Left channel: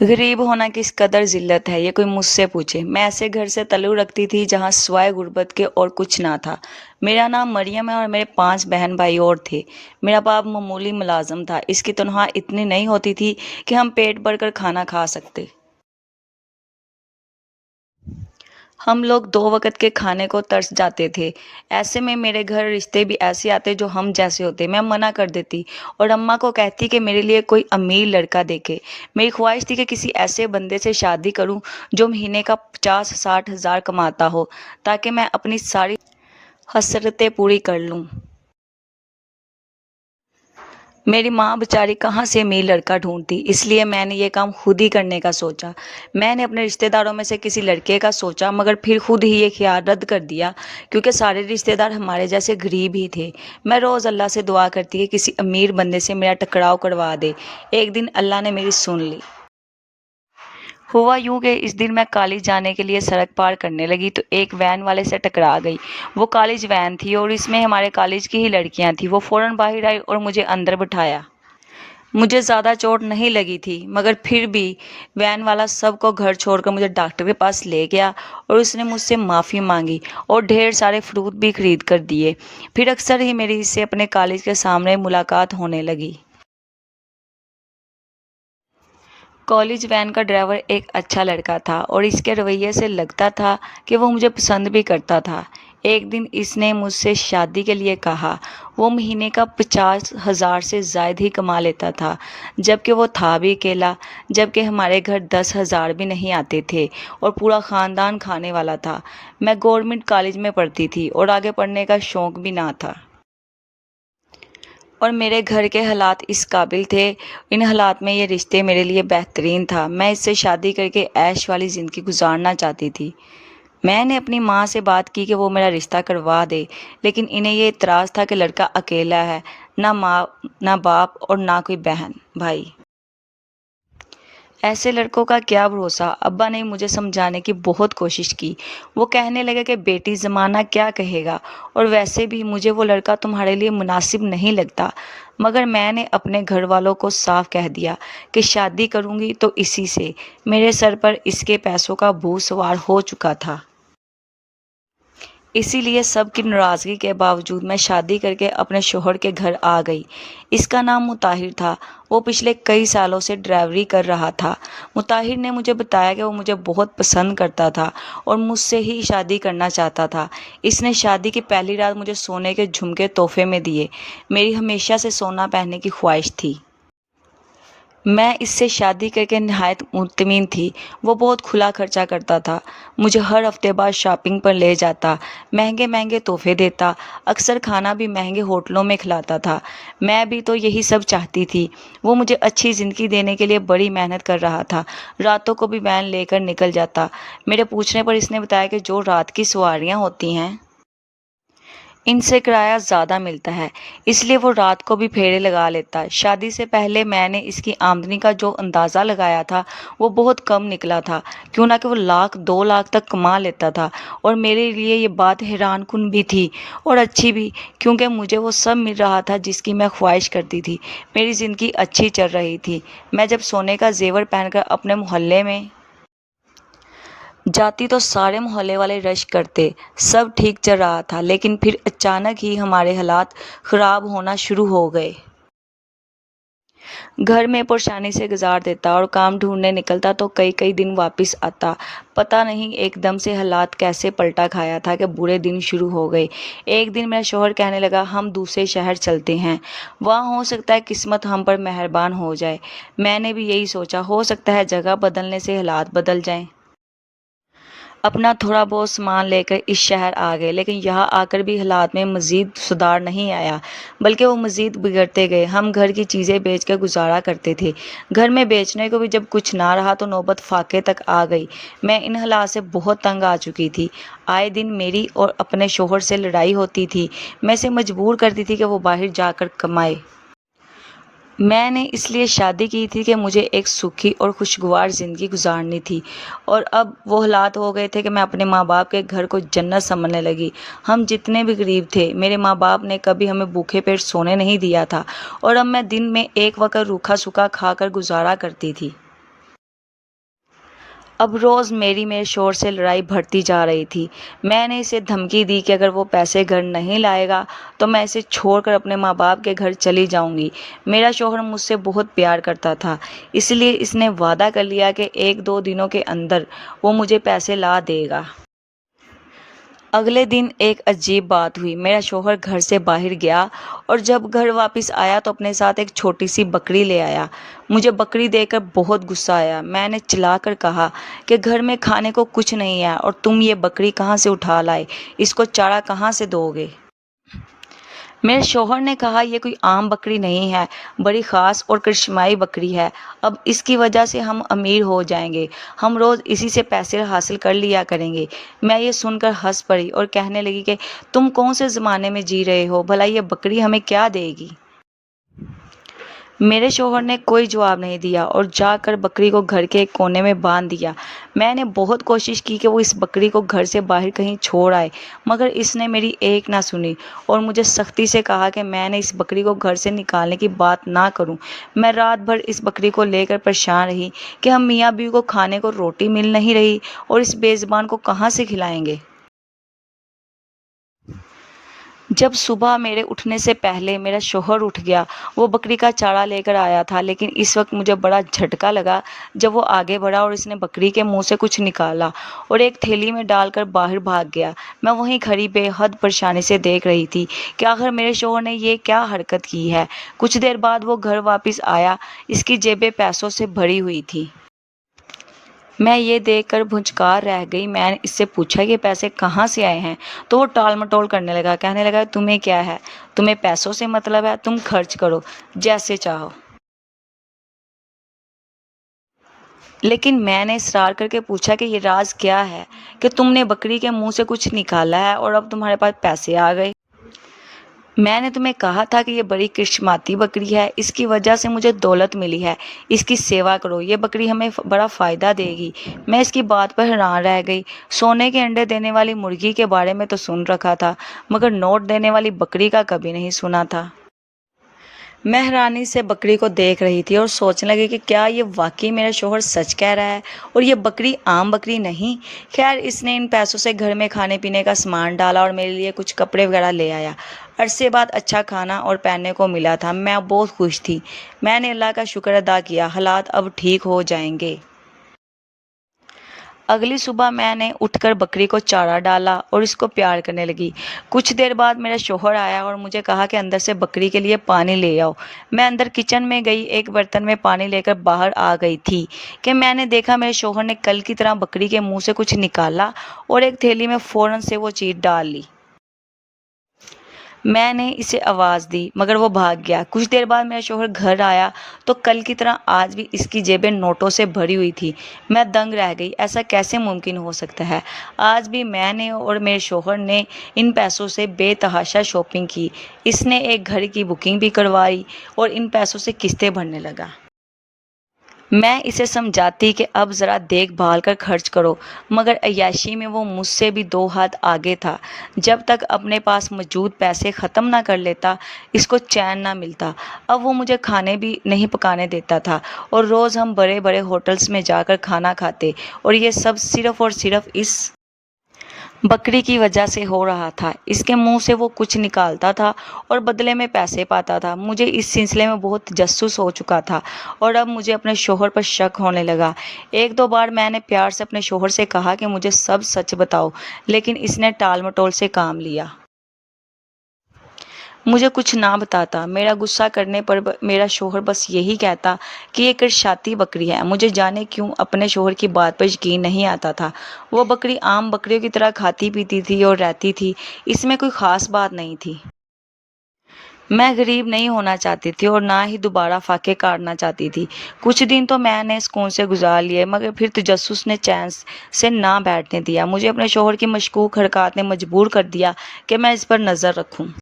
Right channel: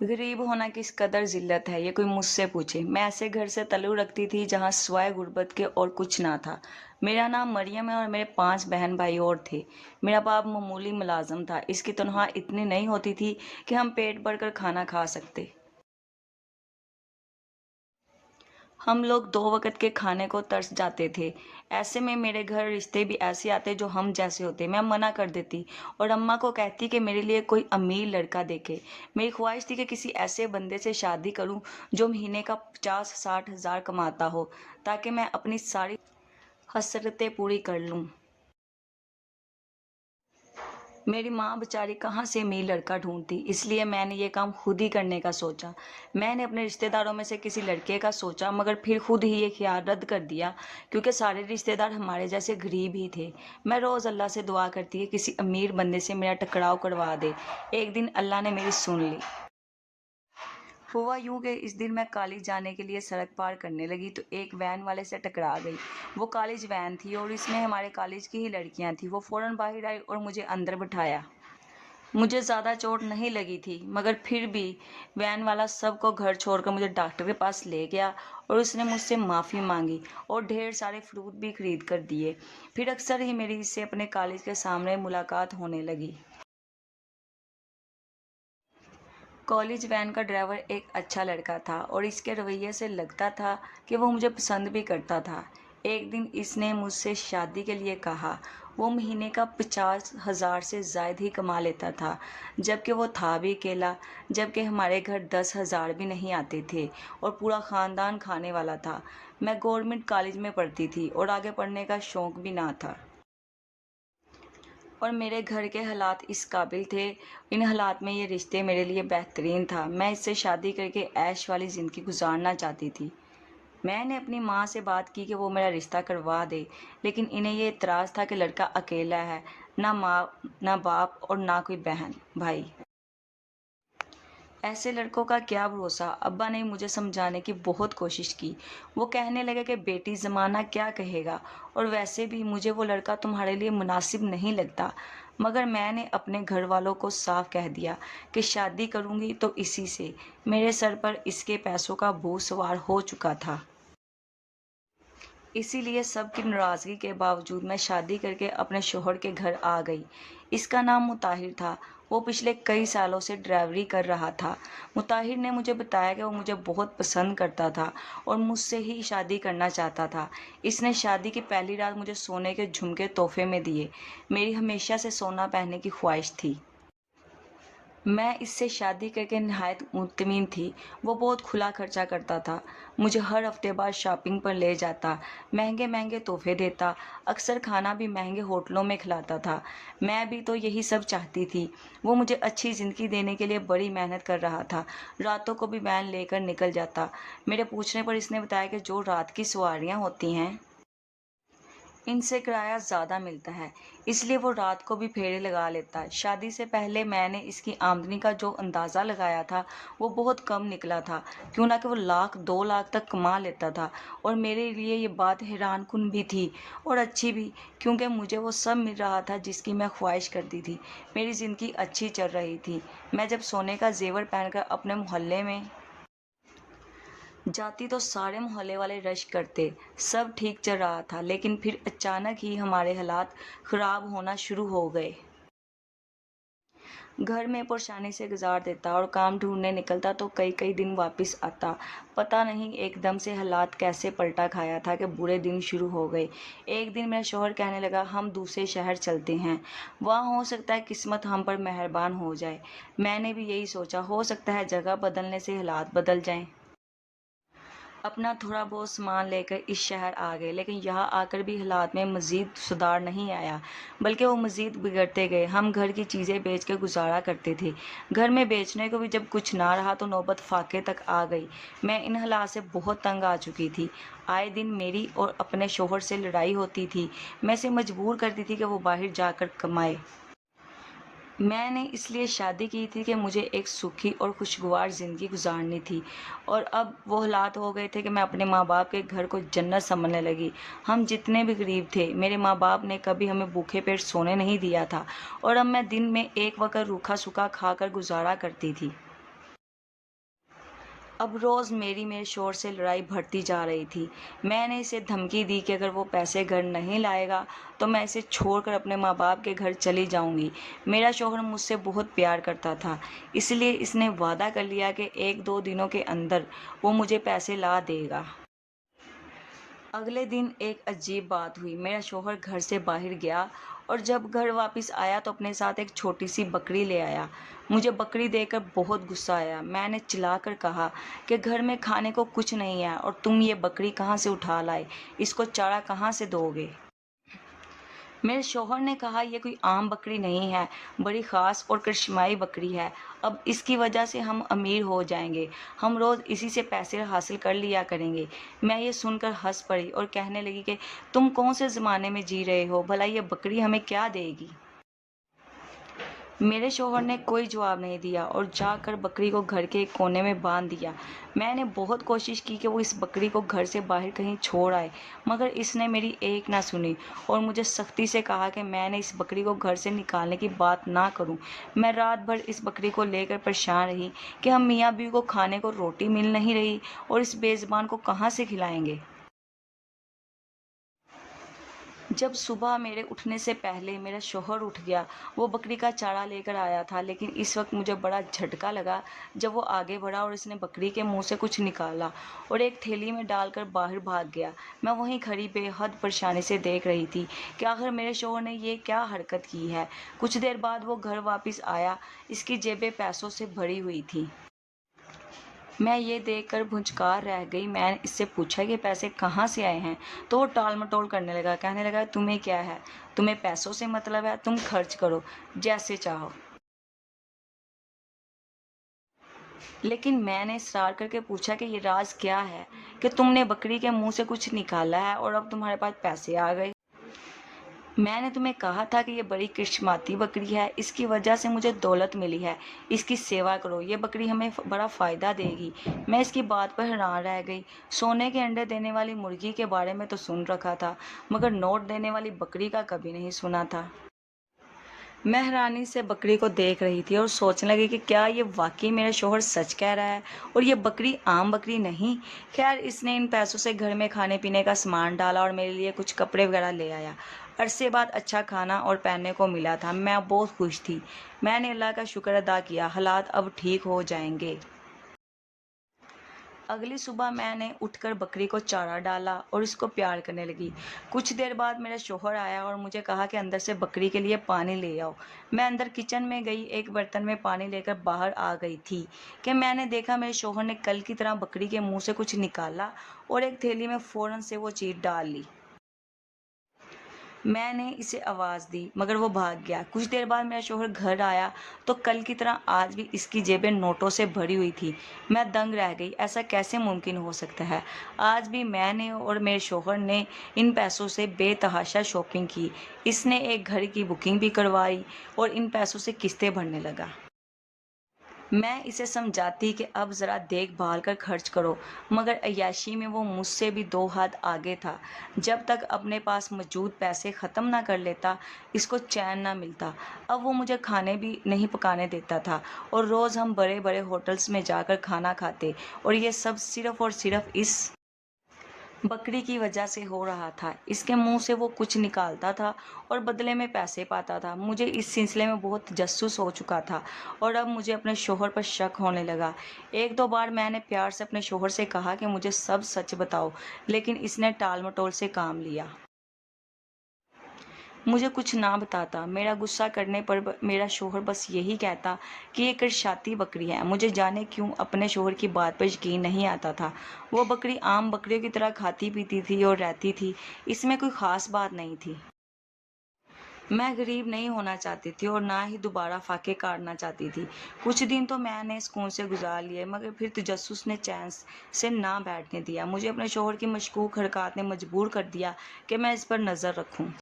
गरीब होना किस कदर ज़िल्लत है, ये कोई मुझसे पूछे। मैं ऐसे घर से ताल्लुक़ रखती थी जहाँ सिवाय गुर्बत के और कुछ ना था। मेरा नाम मरियम है और मेरे 5 बहन-भाई और थे। मेरा बाप मामूली मुलाज़िम था। इसकी तनख्वाह इतनी नहीं होती थी कि हम पेट भरकर खाना खा सकते। हम लोग 2 वक़्त के खाने को तरस जाते थे। ऐसे में मेरे घर रिश्ते भी ऐसे आते जो हम जैसे होते। मैं मना कर देती और अम्मा को कहती कि मेरे लिए कोई अमीर लड़का देखे। मेरी ख्वाहिश थी कि किसी ऐसे बंदे से शादी करूं जो महीने का 50-60 हज़ार कमाता हो, ताकि मैं अपनी सारी हसरतें पूरी कर लूं। मेरी माँ बेचारी कहाँ से अमीर लड़का ढूंढती, इसलिए मैंने ये काम खुद ही करने का सोचा। मैंने अपने रिश्तेदारों में से किसी लड़के का सोचा, मगर फिर खुद ही ये ख्याल रद्द कर दिया, क्योंकि सारे रिश्तेदार हमारे जैसे गरीब ही थे। मैं रोज़ अल्लाह से दुआ करती कि किसी अमीर बंदे से मेरा टकराव करवा दे। एक दिन अल्लाह ने मेरी सुन ली। हुआ यूं कि इस दिन मैं कॉलेज जाने के लिए सड़क पार करने लगी तो एक वैन वाले से टकरा गई। वो कॉलेज वैन थी और इसमें हमारे कॉलेज की ही लड़कियां थी। वो फौरन बाहर आई और मुझे अंदर बिठाया। मुझे ज़्यादा चोट नहीं लगी थी, मगर फिर भी वैन वाला सबको घर छोड़कर मुझे डॉक्टर के पास ले गया और उसने मुझसे माफ़ी मांगी और ढेर सारे फ्रूट भी खरीद कर दिए। फिर अक्सर ही मेरी इससे अपने कॉलेज के सामने मुलाकात होने लगी। कॉलेज वैन का ड्राइवर एक अच्छा लड़का था और इसके रवैये से लगता था कि वो मुझे पसंद भी करता था। एक दिन इसने मुझसे शादी के लिए कहा। वो महीने का 50,000 से ज़ायद ही कमा लेता था, जबकि वो था भी अकेला। जबकि हमारे घर 10,000 भी नहीं आते थे और पूरा ख़ानदान खाने वाला था। मैं गवर्नमेंट कॉलेज में पढ़ती थी और आगे पढ़ने का शौक़ भी ना था। और मेरे घर के हालात इस काबिल थे। इन हालात में ये रिश्ते मेरे लिए बेहतरीन था। मैं इससे शादी करके ऐश वाली ज़िंदगी गुजारना चाहती थी। मैंने अपनी माँ से बात की कि वो मेरा रिश्ता करवा दे, लेकिन इन्हें ये इतराज़ था कि लड़का अकेला है, ना माँ, ना बाप और ना कोई बहन भाई। ऐसे लड़कों का क्या भरोसा। अब्बा ने मुझे समझाने की बहुत कोशिश की। वो कहने लगे कि बेटी, ज़माना क्या कहेगा, और वैसे भी मुझे वो लड़का तुम्हारे लिए मुनासिब नहीं लगता। मगर मैंने अपने घर वालों को साफ कह दिया कि शादी करूंगी तो इसी से। मेरे सर पर इसके पैसों का भूत सवार हो चुका था। इसीलिए सबकी नाराज़गी के बावजूद मैं शादी करके अपने शौहर के घर आ गई। इसका नाम मुताहिर था। वो पिछले कई सालों से ड्राइवरी कर रहा था। मुताहिर ने मुझे बताया कि वो मुझे बहुत पसंद करता था और मुझसे ही शादी करना चाहता था। इसने शादी की पहली रात मुझे सोने के झुमके तोहफे में दिए। मेरी हमेशा से सोना पहनने की ख्वाहिश थी। मैं इससे शादी करके नहायत मुतमिन थी। वो बहुत खुला खर्चा करता था। मुझे हर हफ्ते बाद शॉपिंग पर ले जाता, महंगे महंगे तोहफे देता, अक्सर खाना भी महंगे होटलों में खिलाता था। मैं भी तो यही सब चाहती थी। वो मुझे अच्छी ज़िंदगी देने के लिए बड़ी मेहनत कर रहा था। रातों को भी वैन लेकर निकल जाता। मेरे पूछने पर इसने बताया कि जो रात की सवारियाँ होती हैं, इनसे किराया ज़्यादा मिलता है, इसलिए वो रात को भी फेरे लगा लेता है। शादी से पहले मैंने इसकी आमदनी का जो अंदाज़ा लगाया था, वो बहुत कम निकला था। क्यों ना कि वो लाख 2 लाख तक कमा लेता था। और मेरे लिए ये बात हैरानकुन भी थी और अच्छी भी, क्योंकि मुझे वो सब मिल रहा था जिसकी मैं ख्वाहिश करती थी। मेरी ज़िंदगी अच्छी चल रही थी। मैं जब सोने का जेवर पहनकर अपने मोहल्ले में जाती तो सारे मोहल्ले वाले रश करते। सब ठीक चल रहा था, लेकिन फिर अचानक ही हमारे हालात ख़राब होना शुरू हो गए। घर में परेशानी से गुजार देता और काम ढूंढने निकलता तो कई कई दिन वापस आता। पता नहीं एकदम से हालात कैसे पलटा खाया था कि बुरे दिन शुरू हो गए। एक दिन मेरा शौहर कहने लगा, हम दूसरे शहर चलते हैं, वहाँ हो सकता है किस्मत हम पर मेहरबान हो जाए। मैंने भी यही सोचा, हो सकता है जगह बदलने से हालात बदल जाएं। अपना थोड़ा बहुत सामान लेकर इस शहर आ गए, लेकिन यहाँ आकर भी हालात में मज़ीद सुधार नहीं आया, बल्कि वो मज़ीद बिगड़ते गए। हम घर की चीज़ें बेच कर गुजारा करते थे। घर में बेचने को भी जब कुछ ना रहा तो नौबत फाके तक आ गई। मैं इन हालात से बहुत तंग आ चुकी थी। आए दिन मेरी और अपने शोहर से लड़ाई होती थी। मैं इसे मजबूर करती थी कि वो बाहर जाकर कमाए। मैंने इसलिए शादी की थी कि मुझे एक सुखी और खुशगवार ज़िंदगी गुजारनी थी, और अब वो हालात हो गए थे कि मैं अपने माँ बाप के घर को जन्नत समझने लगी। हम जितने भी गरीब थे, मेरे माँ बाप ने कभी हमें भूखे पेट सोने नहीं दिया था, और अब मैं दिन में एक वक्त रूखा सूखा खाकर गुजारा करती थी। اب روز میرے شوہر سے لڑائی بڑھتی جا رہی تھی۔ میں نے اسے دھمکی دی کہ اگر وہ پیسے گھر نہیں لائے گا تو میں اسے چھوڑ کر اپنے ماں باپ کے گھر چلی جاؤں گی۔ میرا شوہر مجھ سے بہت پیار کرتا تھا، اس لیے اس نے وعدہ کر لیا کہ 1-2 دنوں کے اندر وہ مجھے پیسے لا دے گا۔ اگلے دن ایک عجیب بات ہوئی۔ میرا شوہر گھر سے باہر گیا اور جب گھر واپس آیا تو اپنے ساتھ ایک چھوٹی سی بکری لے آیا۔ مجھے بکری دیکھ کر بہت غصہ آیا۔ میں نے چلا کر کہا کہ گھر میں کھانے کو کچھ نہیں ہے اور تم یہ بکری کہاں سے اٹھا لائے، اس کو چارہ کہاں سے دو گے؟ میرے شوہر نے کہا یہ کوئی عام بکری نہیں ہے، بڑی خاص اور کرشمائی بکری ہے، اب اس کی وجہ سے ہم امیر ہو جائیں گے، ہم روز اسی سے پیسے حاصل کر لیا کریں گے۔ میں یہ سن کر ہنس پڑی اور کہنے لگی کہ تم کون سے زمانے میں جی رہے ہو، بھلا یہ بکری ہمیں کیا دے گی؟ میرے شوہر نے کوئی جواب نہیں دیا اور جا کر بکری کو گھر کے ایک کونے میں باندھ دیا۔ میں نے بہت کوشش کی کہ وہ اس بکری کو گھر سے باہر کہیں چھوڑ آئے، مگر اس نے میری ایک نہ سنی اور مجھے سختی سے کہا کہ میں نے اس بکری کو گھر سے نکالنے کی بات نہ کروں۔ میں رات بھر اس بکری کو لے کر پریشان رہی کہ ہم میاں بیوی کو کھانے کو روٹی مل نہیں رہی اور اس بے زبان کو کہاں سے کھلائیں گے۔ جب صبح میرے اٹھنے سے پہلے میرا شوہر اٹھ گیا، وہ بکری کا چارہ لے کر آیا تھا، لیکن اس وقت مجھے بڑا جھٹکا لگا جب وہ آگے بڑھا اور اس نے بکری کے منہ سے کچھ نکالا اور ایک تھیلی میں ڈال کر باہر بھاگ گیا۔ میں وہیں کھڑی بے حد پریشانی سے دیکھ رہی تھی کہ آخر میرے شوہر نے یہ کیا حرکت کی ہے۔ کچھ دیر بعد وہ گھر واپس آیا، اس کی جیبیں پیسوں سے بھری ہوئی تھیں۔ میں یہ دیکھ کر بھنچکار رہ گئی۔ میں نے اس سے پوچھا کہ پیسے کہاں سے آئے ہیں تو وہ ٹال مٹول کرنے لگا، کہنے لگا تمہیں کیا ہے، تمہیں پیسوں سے مطلب ہے، تم خرچ کرو جیسے چاہو۔ لیکن میں نے اصرار کر کے پوچھا کہ یہ راز کیا ہے کہ تم نے بکری کے منہ سے کچھ نکالا ہے اور اب تمہارے پاس پیسے آ گئے؟ میں نے تمہیں کہا تھا کہ یہ بڑی کرشماتی بکری ہے، اس کی وجہ سے مجھے دولت ملی ہے، اس کی سیوا کرو، یہ بکری ہمیں بڑا فائدہ دے گی۔ میں اس کی بات پر حیران رہ گئی۔ سونے کے انڈے دینے والی مرغی کے بارے میں تو سن رکھا تھا، مگر نوٹ دینے والی بکری کا کبھی نہیں سنا تھا۔ میں حیرانی سے بکری کو دیکھ رہی تھی اور سوچنے لگی کہ کیا یہ واقعی میرا شوہر سچ کہہ رہا ہے اور یہ بکری عام بکری نہیں؟ خیر، اس نے ان پیسوں سے گھر میں کھانے پینے کا سامان ڈالا اور میرے لیے کچھ کپڑے وغیرہ لے آیا۔ عرصے بعد اچھا کھانا اور پہننے کو ملا تھا، میں بہت خوش تھی۔ میں نے اللہ کا شکر ادا کیا، حالات اب ٹھیک ہو جائیں گے۔ اگلی صبح میں نے اٹھ کر بکری کو چارہ ڈالا اور اس کو پیار کرنے لگی۔ کچھ دیر بعد میرا شوہر آیا اور مجھے کہا کہ اندر سے بکری کے لیے پانی لے آؤ۔ میں اندر کچن میں گئی، ایک برتن میں پانی لے کر باہر آ گئی تھی کہ میں نے دیکھا میرے شوہر نے کل کی طرح بکری کے منہ سے کچھ نکالا اور ایک تھیلی میں فوراً سے وہ چیز ڈال لی۔ میں نے اسے آواز دی مگر وہ بھاگ گیا۔ کچھ دیر بعد میرا شوہر گھر آیا تو کل کی طرح آج بھی اس کی جیبیں نوٹوں سے بھری ہوئی تھی۔ میں دنگ رہ گئی، ایسا کیسے ممکن ہو سکتا ہے؟ آج بھی میں نے اور میرے شوہر نے ان پیسوں سے بے تحاشا شاپنگ کی۔ اس نے ایک گھر کی بکنگ بھی کروائی اور ان پیسوں سے قسطیں بھرنے لگا۔ میں اسے سمجھاتی کہ اب ذرا دیکھ بھال کر خرچ کرو، مگر عیاشی میں وہ مجھ سے بھی 2 ہاتھ آگے تھا۔ جب تک اپنے پاس موجود پیسے ختم نہ کر لیتا اس کو چین نہ ملتا۔ اب وہ مجھے کھانے بھی نہیں پکانے دیتا تھا اور روز ہم بڑے بڑے ہوٹلز میں جا کر کھانا کھاتے، اور یہ سب صرف اور صرف اس بکری کی وجہ سے ہو رہا تھا۔ اس کے منہ سے وہ کچھ نکالتا تھا اور بدلے میں پیسے پاتا تھا۔ مجھے اس سلسلے میں بہت تجسس ہو چکا تھا اور اب مجھے اپنے شوہر پر شک ہونے لگا۔ 1-2 بار میں نے پیار سے اپنے شوہر سے کہا کہ مجھے سب سچ بتاؤ، لیکن اس نے ٹال مٹول سے کام لیا۔ مجھے کچھ نہ بتاتا۔ میرا غصہ کرنے پر میرا شوہر بس یہی کہتا کہ یہ کرشاتی بکری ہے۔ مجھے جانے کیوں اپنے شوہر کی بات پر یقین نہیں آتا تھا۔ وہ بکری عام بکریوں کی طرح کھاتی پیتی تھی اور رہتی تھی، اس میں کوئی خاص بات نہیں تھی۔ میں غریب نہیں ہونا چاہتی تھی اور نہ ہی دوبارہ فاقے کاٹنا چاہتی تھی۔ کچھ دن تو میں نے سکون سے گزار لیے، مگر پھر تجسس نے چین سے نہ بیٹھنے دیا۔ مجھے اپنے شوہر کی مشکوک حرکات نے مجبور کر دیا کہ میں اس پر نظر رکھوں۔